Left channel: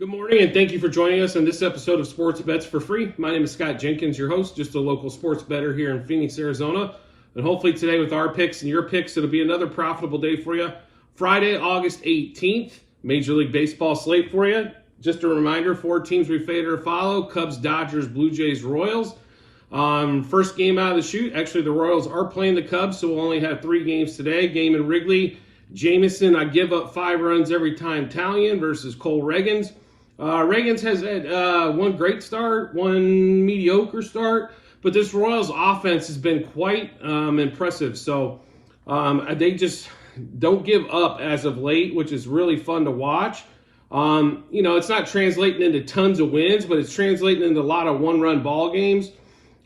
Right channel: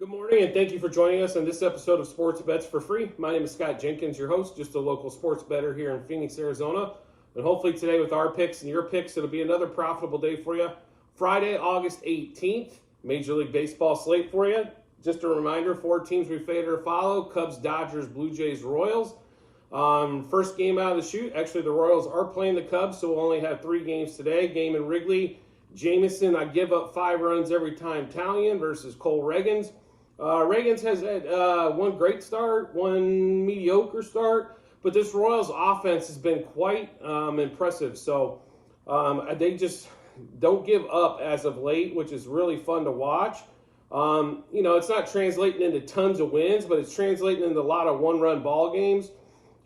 Good morning, and thank you for joining us on this episode of Sports Bets for Free. My name is Scott Jenkins, your host, just a local sports bettor here in Phoenix, Arizona. And hopefully today with our picks and your picks, it'll be another profitable day for you. Friday, August 18th, Major League Baseball slate for you. Just a reminder, 4 teams we favor to follow: Cubs, Dodgers, Blue Jays, Royals. First game out of the chute, actually the Royals are playing the Cubs, so we'll only have 3 games today. Game in Wrigley, Jameson, I give up 5 runs every time, Talion versus Cole Reagans. Reagans has had one great start, one mediocre start, but this Royals offense has been quite impressive. So they just don't give up as of late, which is really fun to watch. It's not translating into tons of wins, but it's translating into a lot of one-run ball games.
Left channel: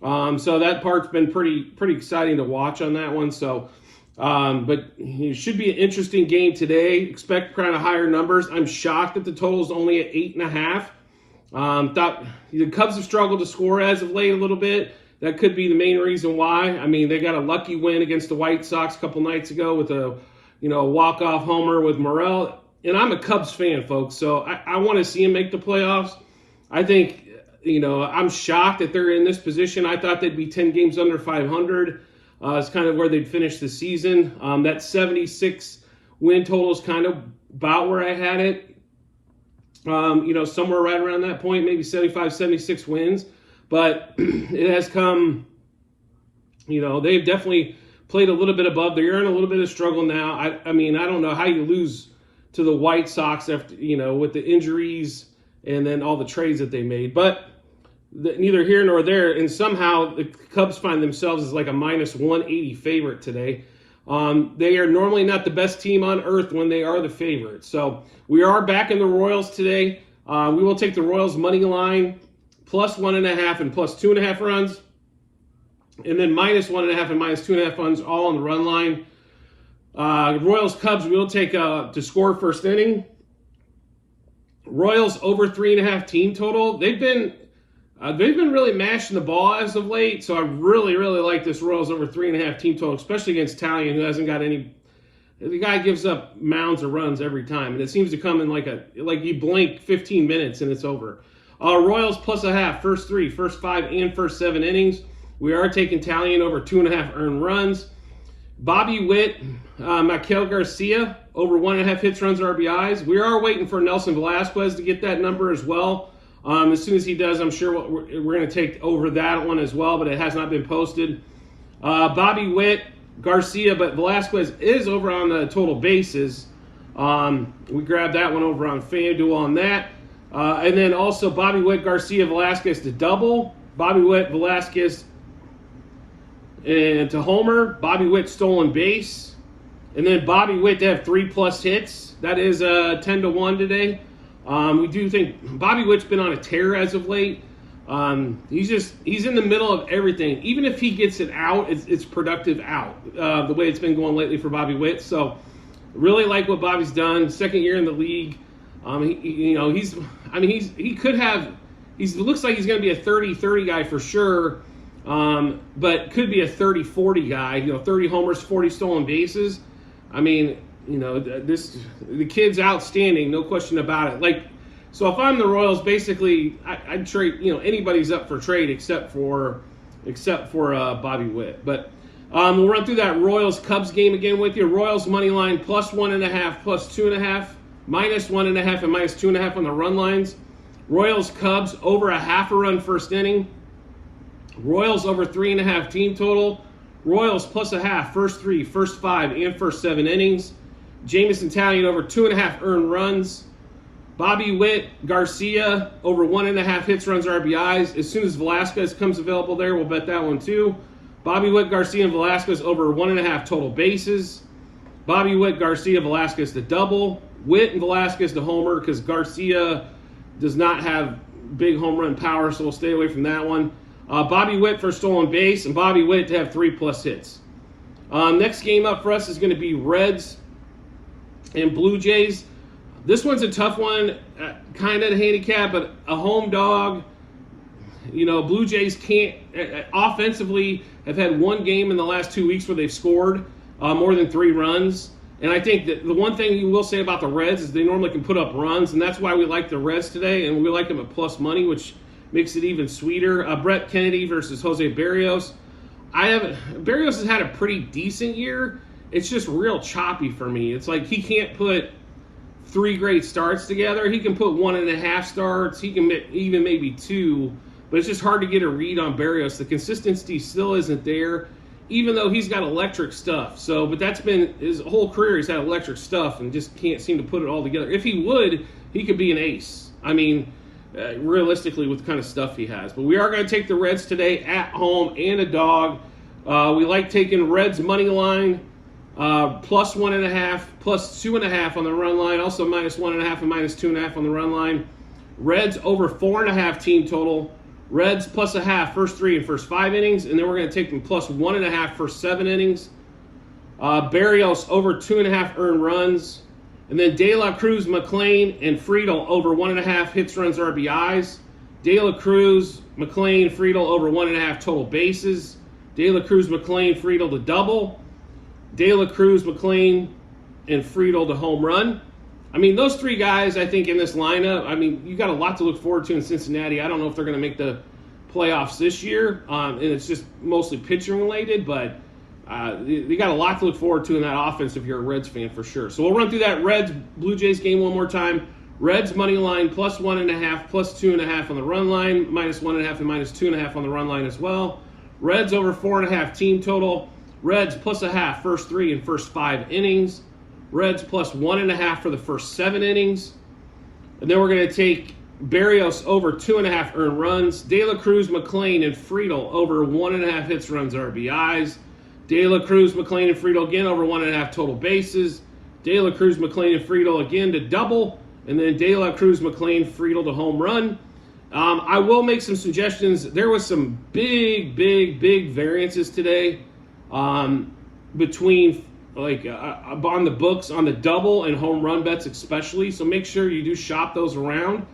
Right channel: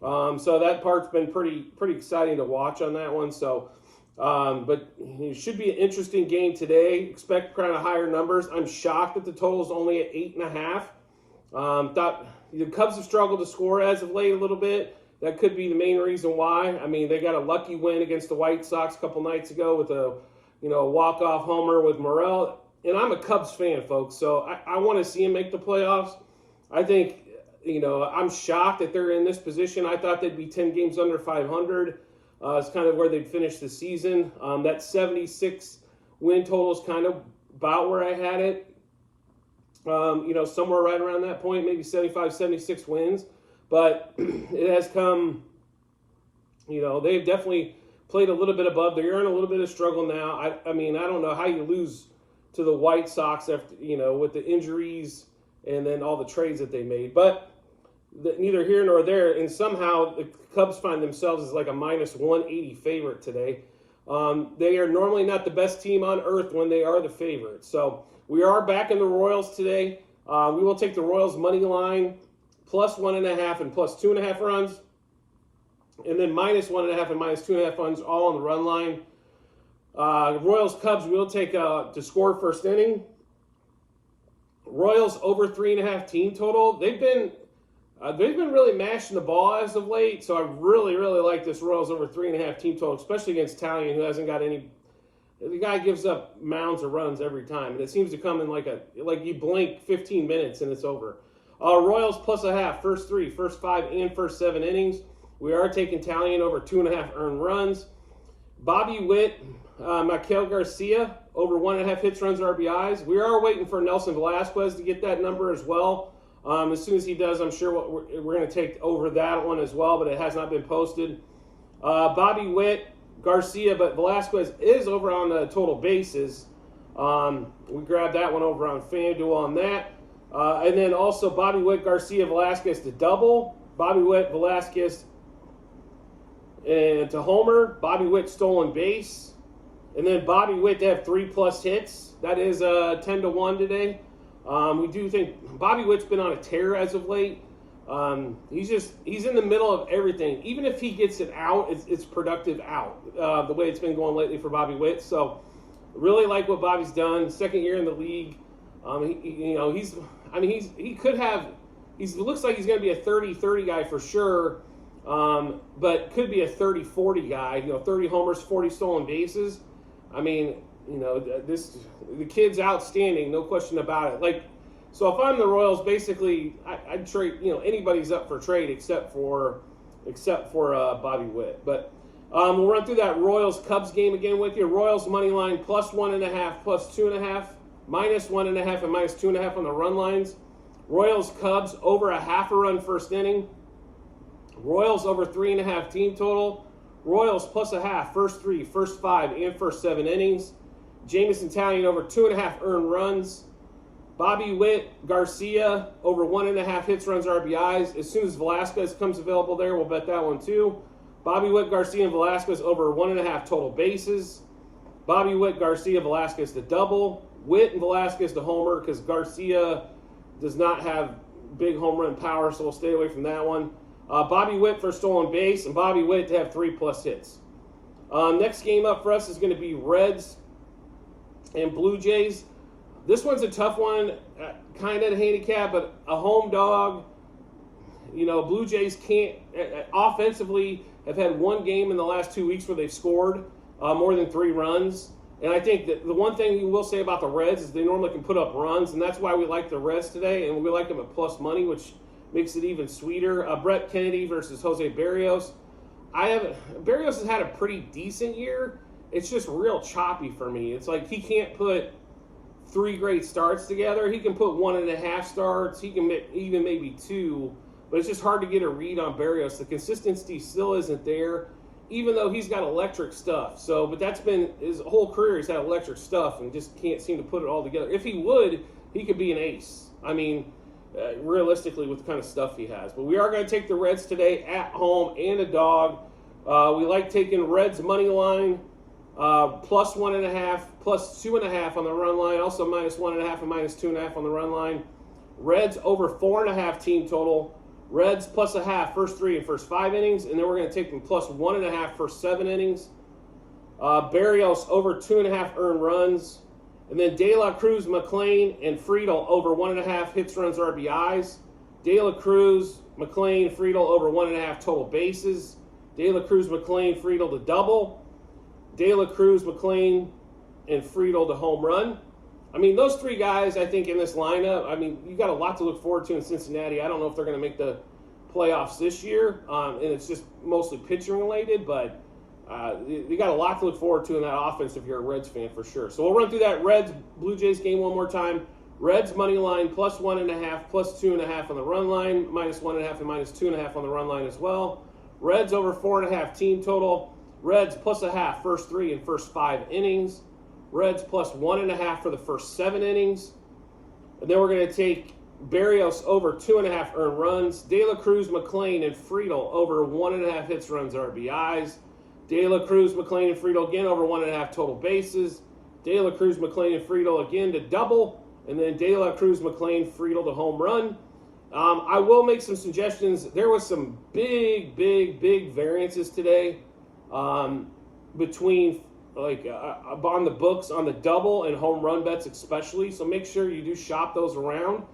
So that part's been pretty exciting to watch on that one. So. But it should be an interesting game today. Expect kind of higher numbers. I'm shocked that the total is only at 8.5. Thought the Cubs have struggled to score as of late a little bit. That could be the main reason why. I mean, they got a lucky win against the White Sox a couple nights ago with a walk-off homer with Morel. And I'm a Cubs fan, folks, so I want to see them make the playoffs. I think, I'm shocked that they're in this position. I thought they'd be 10 games under 500. It's kind of where they'd finish the season. That 76 win total is kind of about where I had it. Somewhere right around that point, maybe 75, 76 wins. But it has come, they've definitely played a little bit above. They're in a little bit of struggle now. I don't know how you lose to the White Sox after, with the injuries and then all the trades that they made. But neither here nor there, and somehow the Cubs find themselves as like a minus 180 favorite today. They are normally not the best team on earth when they are the favorite. So we are back in the Royals today. We will take the Royals money line plus 1.5 and plus 2.5 runs, and then minus 1.5 and minus 2.5 runs all on the run line. Royals Cubs we will take to score first inning. Royals over 3.5 team total. They've been really mashing the ball as of late, so I really like this Royals over 3.5 team total, especially against Talion, who hasn't got any. The guy gives up mounds of runs every time, and it seems to come in like you blink 15 minutes and it's over. Royals plus 0.5, first 3, first 5, and first 7 innings. We are taking Talion over 2.5 earned runs. Bobby Witt, Maikel Garcia over 1.5 hits, runs, RBIs. We are waiting for Nelson Velasquez to get that number as well. As soon as he does, I'm sure we're going to take over that one as well, but it has not been posted. Bobby Witt, Garcia, but Velasquez is over on the total bases. We grabbed that one over on FanDuel on that. And then also Bobby Witt, Garcia, Velasquez to double. Bobby Witt, Velasquez and to homer. Bobby Witt stolen base. And then Bobby Witt to have 3+ hits. That is 10-1 today. We do think Bobby Witt's been on a tear as of late. He's in the middle of everything. Even if he gets it out, it's productive out. The way it's been going lately for Bobby Witt. So really like what Bobby's done. Second year in the league. He looks like he's going to be a 30-30 guy for sure. But could be a 30-40 guy. 30 homers, 40 stolen bases. The kid's outstanding, no question about it. So if I'm the Royals, basically, I'd trade. Anybody's up for trade except for Bobby Witt. But we'll run through that Royals Cubs game again with you. Royals money line plus 1.5, plus 2.5, minus 1.5, and minus 2.5 on the run lines. Royals Cubs over 0.5 run first inning. Royals over 3.5 team total. Royals plus 0.5, first 3, first 5, and first 7 innings. Jameson Talion over 2.5 earned runs. Bobby Witt, Garcia over 1.5 hits, runs, RBIs. As soon as Velasquez comes available there, we'll bet that one too. Bobby Witt, Garcia, and Velasquez over 1.5 total bases. Bobby Witt, Garcia, Velasquez to double. Witt and Velasquez to homer because Garcia does not have big home run power, so we'll stay away from that one. Bobby Witt for stolen base, and Bobby Witt to have 3+ hits. Next game up for us is going to be Reds and Blue Jays. This one's a tough one, kind of to handicap, but a home dog. Blue Jays can't offensively have had one game in the last 2 weeks where they've scored more than 3 runs. And I think that the one thing you will say about the Reds is they normally can put up runs, and that's why we like the Reds today, and we like them at plus money, which makes it even sweeter. Brett Kennedy versus Jose Berrios. Berrios has had a pretty decent year. It's just real choppy for me. It's like he can't put 3 great starts together. He can put 1.5 starts. He can even maybe 2, but it's just hard to get a read on Berrios. The consistency still isn't there, even though he's got electric stuff. So, but that's been his whole career. He's had electric stuff and just can't seem to put it all together. If he would, he could be an ace. I mean, realistically, with the kind of stuff he has. But we are going to take the Reds today at home and a dog. We like taking Reds money line. Plus 1.5, plus 2.5 on the run line, also minus 1.5 and minus 2.5 on the run line. Reds over 4.5 team total. Reds plus 0.5 first 3 and first 5 innings, and then we're going to take them plus 1.5 first 7 innings. Berrios over 2.5 earned runs, and then De La Cruz, McLean, and Friedel over 1.5 hits, runs, RBIs. De La Cruz, McLean, Friedel over 1.5 total bases. De La Cruz, McLean, Friedel to double. De La Cruz, McLean, and Friedel to home run. I mean, those 3 guys, I think, in this lineup, I mean, you got a lot to look forward to in Cincinnati. I don't know if they're going to make the playoffs this year, and it's just mostly pitching related, but they got a lot to look forward to in that offense if you're a Reds fan for sure. So we'll run through that Reds-Blue Jays game one more time. Reds money line plus 1.5, plus 2.5 on the run line, minus 1.5 and minus 2.5 on the run line as well. Reds over 4.5 team total. Reds plus 0.5 first 3 and first 5 innings. Reds plus 1.5 for the first 7 innings. And then we're going to take Berrios over 2.5 earned runs. De La Cruz, McLean, and Friedel over 1.5 hits, runs, RBIs. De La Cruz, McLean, and Friedel again over 1.5 total bases. De La Cruz, McLean, and Friedel again to double. And then De La Cruz, McLean, Friedel to home run. I will make some suggestions. There was some big variances today between on the books on the double and home run bets especially. So make sure you do shop those around.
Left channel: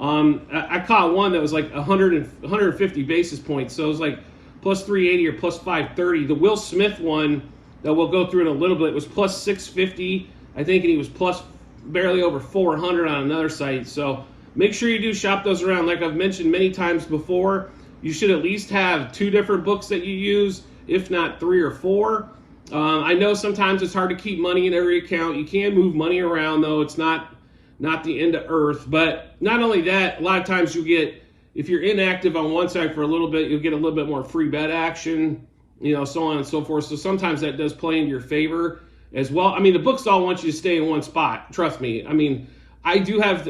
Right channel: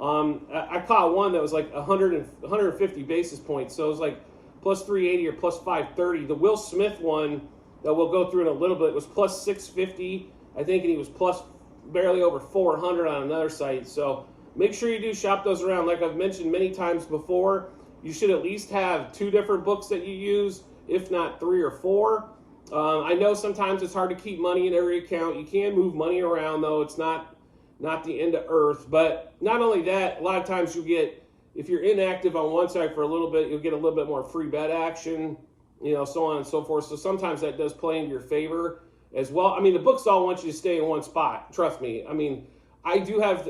I caught one that was like 150 basis points. So it was like plus 380 or plus 530. The Will Smith one that we'll go through in a little bit was plus 650, I think, and he was plus barely over 400 on another site. So make sure you do shop those around. Like I've mentioned many times before, you should at least have 2 different books that you use, if not 3 or 4. I know sometimes it's hard to keep money in every account. You can move money around, though. It's not the end of earth. But not only that, a lot of times you get, if you're inactive on one side for a little bit, you'll get a little bit more free bet action, so on and so forth. So sometimes that does play in your favor as well. I mean, the books all want you to stay in one spot. Trust me. I mean, I do have,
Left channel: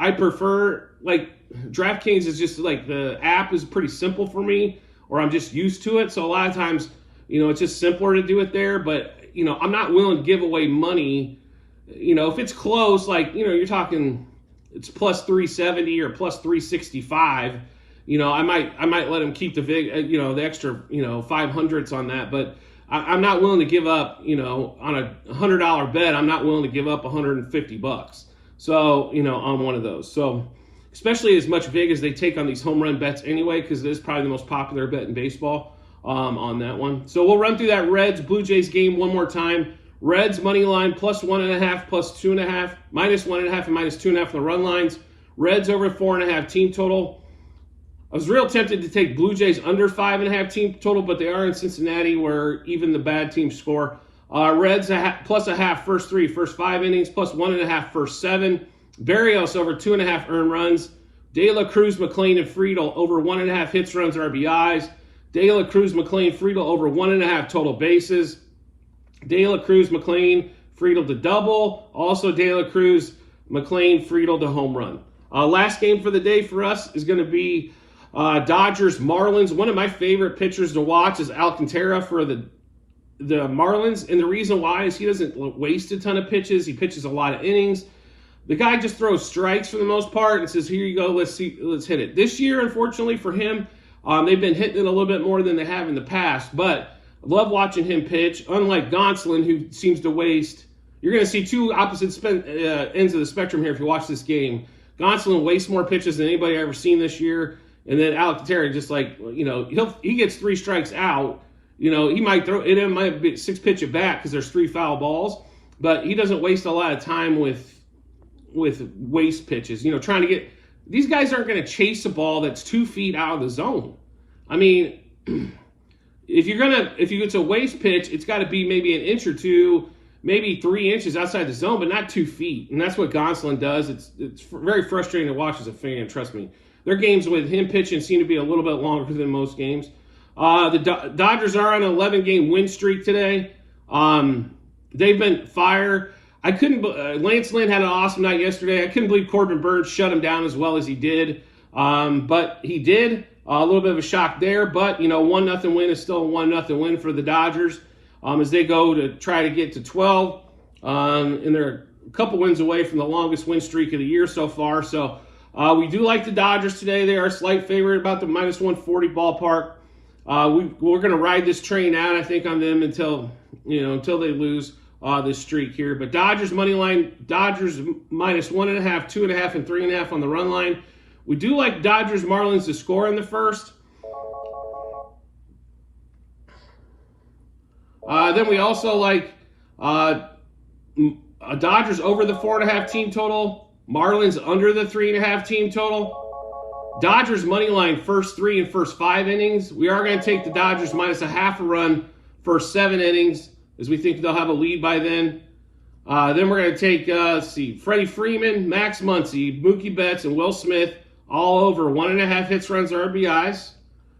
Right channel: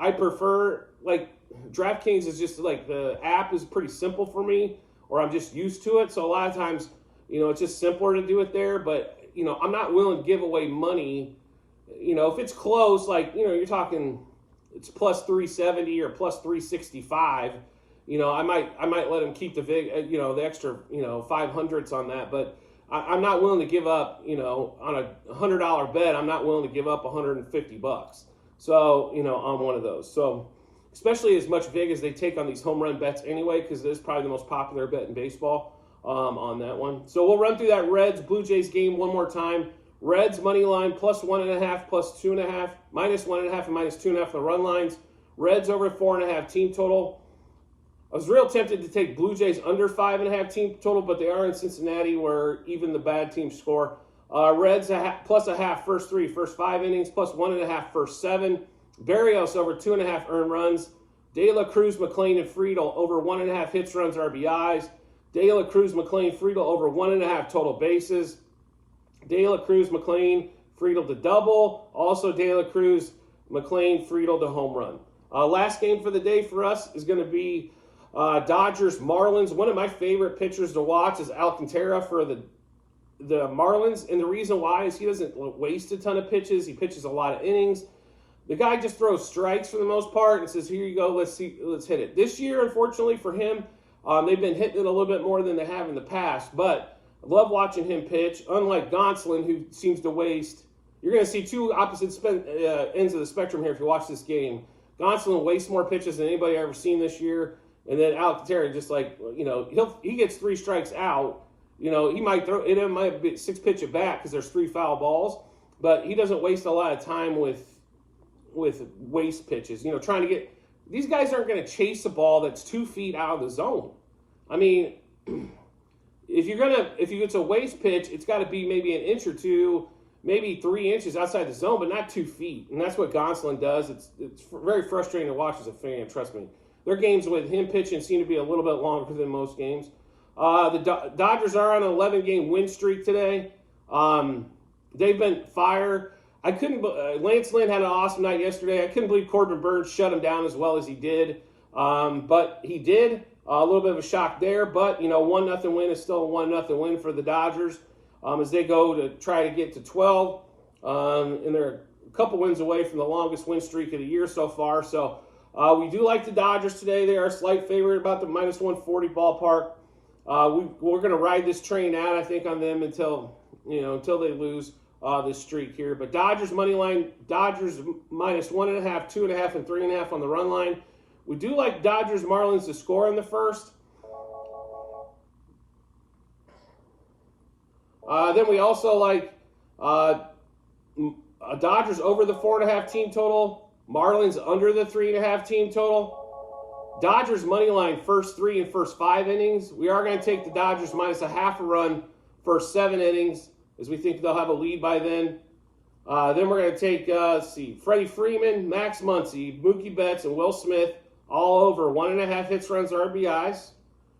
I prefer, like, DraftKings is just like, the app is pretty simple for me, or I'm just used to it. So a lot of times, it's just simpler to do it there. But, I'm not willing to give away money. If it's close, like, you're talking, it's plus 370 or plus 365, I might let them keep the extra, 500s on that. But I'm not willing to give up, on a $100 bet, I'm not willing to give up $150. So, on one of those. So, especially as much vig as they take on these home run bets anyway, because it is probably the most popular bet in baseball on that one. So we'll run through that Reds-Blue Jays game one more time. Reds money line plus 1.5, plus 2.5, minus 1.5 and minus 2.5 on the run lines. Reds over 4.5 team total. I was real tempted to take Blue Jays under 5.5 team total, but they are in Cincinnati where even the bad teams score. Reds plus 0.5 first 3, first 5 innings, plus 1.5 first 7. Berrios over 2.5 earned runs. De La Cruz, McLean, and Friedel over 1.5 hits, runs, RBIs. De La Cruz, McLean, Friedel over 1.5 total bases. De La Cruz, McLean, Friedel to double. Also De La Cruz, McLean, Friedel to home run. Last game for the day for us is going to be Dodgers, Marlins. One of my favorite pitchers to watch is Alcantara for the Marlins. And the reason why is he doesn't waste a ton of pitches. He pitches a lot of innings. The guy just throws strikes for the most part and says, here you go, let's hit it. This year, unfortunately for him, they've been hitting it a little bit more than they have in the past. But I love watching him pitch. Unlike Gonsolin, who seems to waste. You're going to see 2 opposite ends of the spectrum here if you watch this game. Gonsolin wastes more pitches than anybody I've ever seen this year. And then Alcantara just he gets 3 strikes out. He might throw it. It might be 6 pitch at bat because there's 3 foul balls. but he doesn't waste a lot of time with waste pitches. Trying to get these guys aren't going to chase a ball that's 2 feet out of the zone. I mean, if it's a waste pitch, it's got to be maybe an inch or two, maybe 3 inches outside the zone, but not 2 feet. And that's what Gonsolin does. It's very frustrating to watch as a fan. Trust me. Their games with him pitching seem to be a little bit longer than most games. The Dodgers are on an 11-game win streak today. They've been fire. Lance Lynn had an awesome night yesterday. I couldn't believe Corbin Burns shut him down as well as he did. But he did. A little bit of a shock there. But, 1-0 win is still a 1-0 win for the Dodgers as they go to try to get to 12. And they're a couple wins away from the longest win streak of the year so far. So we do like the Dodgers today. They are a slight favorite, about the -140 ballpark. We're going to ride this train out, I think, on them until they lose this streak here. But Dodgers money line, Dodgers -1.5, 2.5, and 3.5 on the run line. We do like Dodgers Marlins to score in the first. Then we also like Dodgers over the 4.5 team total, Marlins under the 3.5 team total. Dodgers money line first 3 and first 5 innings. We are going to take the Dodgers -0.5 run first 7 innings, as we think they'll have a lead by then. Then we're going to take, Freddie Freeman, Max Muncy, Mookie Betts, and Will Smith all over 1.5 hits, runs, or RBIs.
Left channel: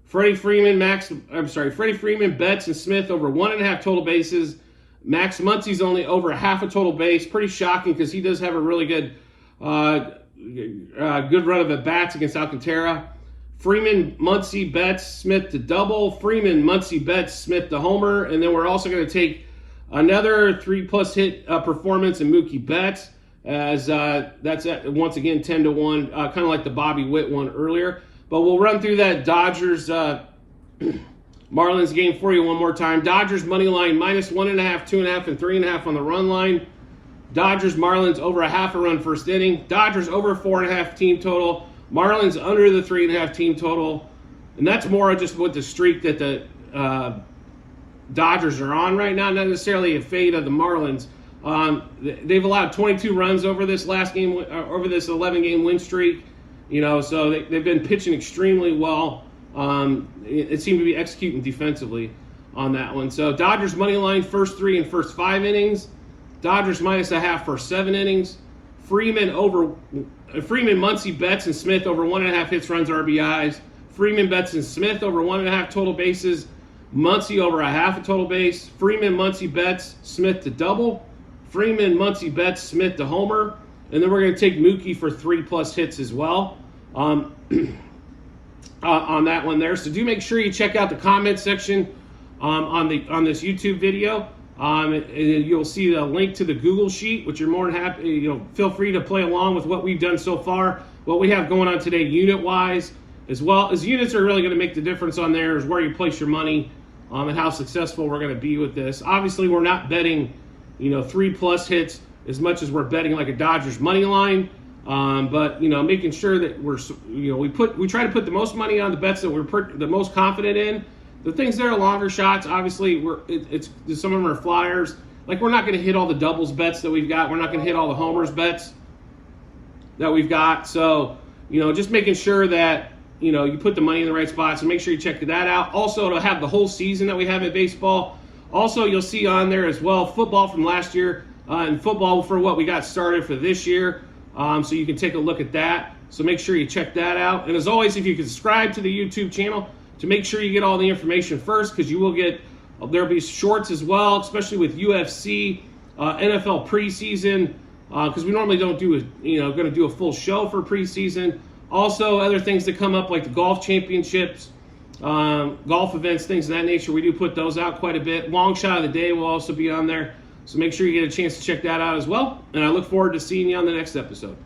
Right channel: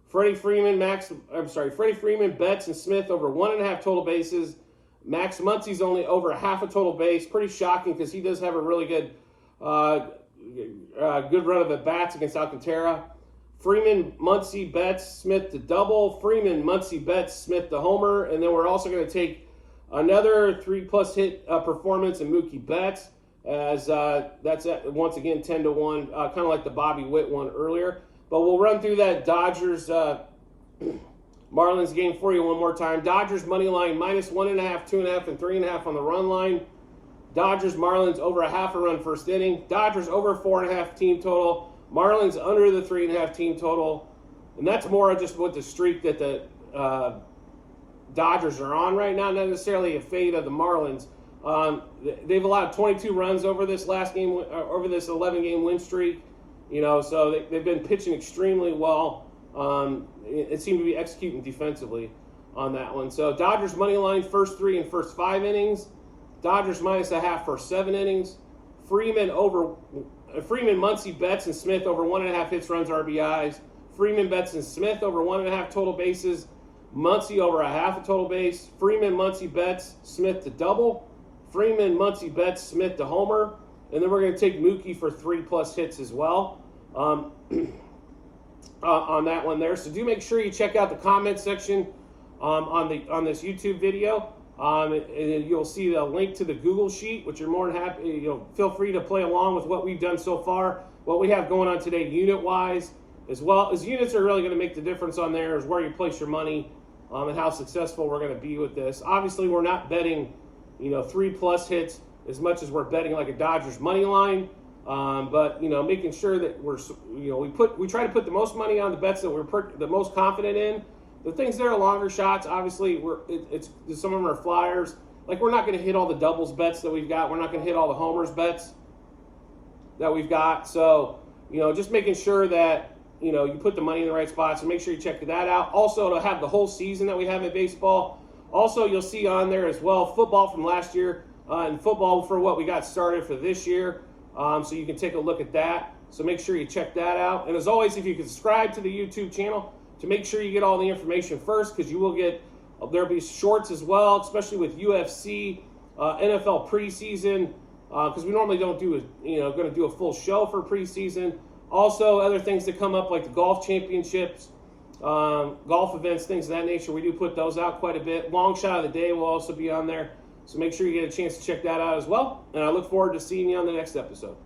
Freddie Freeman, Betts, and Smith over 1.5 total bases. Max Muncy's only over a half a total base. Pretty shocking because he does have a really good run of at bats against Alcantara. Freeman, Muncy, Betts, Smith to double. Freeman, Muncy, Betts, Smith to homer. And then we're also going to take another 3+ hit performance in Mookie Betts, as that's once again 10-1, kind of like the Bobby Witt one earlier. But we'll run through that Dodgers Marlins game for you one more time. Dodgers money line -1.5, 2.5, and 3.5 on the run line. Dodgers Marlins over a half a run first inning. Dodgers over 4.5 team total. Marlins under the 3.5 team total. And that's more just with the streak that the Dodgers are on right now, not necessarily a fade of the Marlins. They've allowed 22 runs over this last game, over this 11-game win streak. So they've been pitching extremely well. It seemed to be executing defensively on that one. So Dodgers money line first 3 and first 5 innings. Dodgers -0.5 first 7 innings. Freeman, Muncy, Betts, and Smith over 1.5 hits, runs, RBIs. Freeman, Betts, and Smith over 1.5 total bases. Muncy over a half a total base. Freeman, Muncy, Betts, Smith to double. Freeman, Muncy, Betts, Smith to homer. And then we're going to take Mookie for 3+ hits as well on that one there. So do make sure you check out the comment section on this YouTube video. And you'll see the link to the Google Sheet, which you're more than happy. Feel free to play along with what we've done so far, what we have going on today unit-wise, as well as units are really going to make the difference on there is where you place your money and how successful we're going to be with this. Obviously, we're not betting 3+ hits as much as we're betting like a Dodgers money line, but making sure that we try to put the most money on the bets that we're the most confident in. The things that are longer shots, obviously, some of them are flyers. Like, we're not going to hit all the doubles bets that we've got. We're not going to hit all the homers bets that we've got. So, just making sure that, you put the money in the right spots. So make sure you check that out. Also, it'll have the whole season that we have in baseball. Also, you'll see on there as well football from last year and football for what we got started for this year. So you can take a look at that. So make sure you check that out. And as always, if you can subscribe to the YouTube channel, to make sure you get all the information first, because you will there'll be shorts as well, especially with UFC, NFL preseason, because we normally don't do going to do a full show for preseason. Also, other things that come up like the golf championships, golf events, things of that nature. We do put those out quite a bit. Long shot of the day will also be on there. So make sure you get a chance to check that out as well. And I look forward to seeing you on the next episode.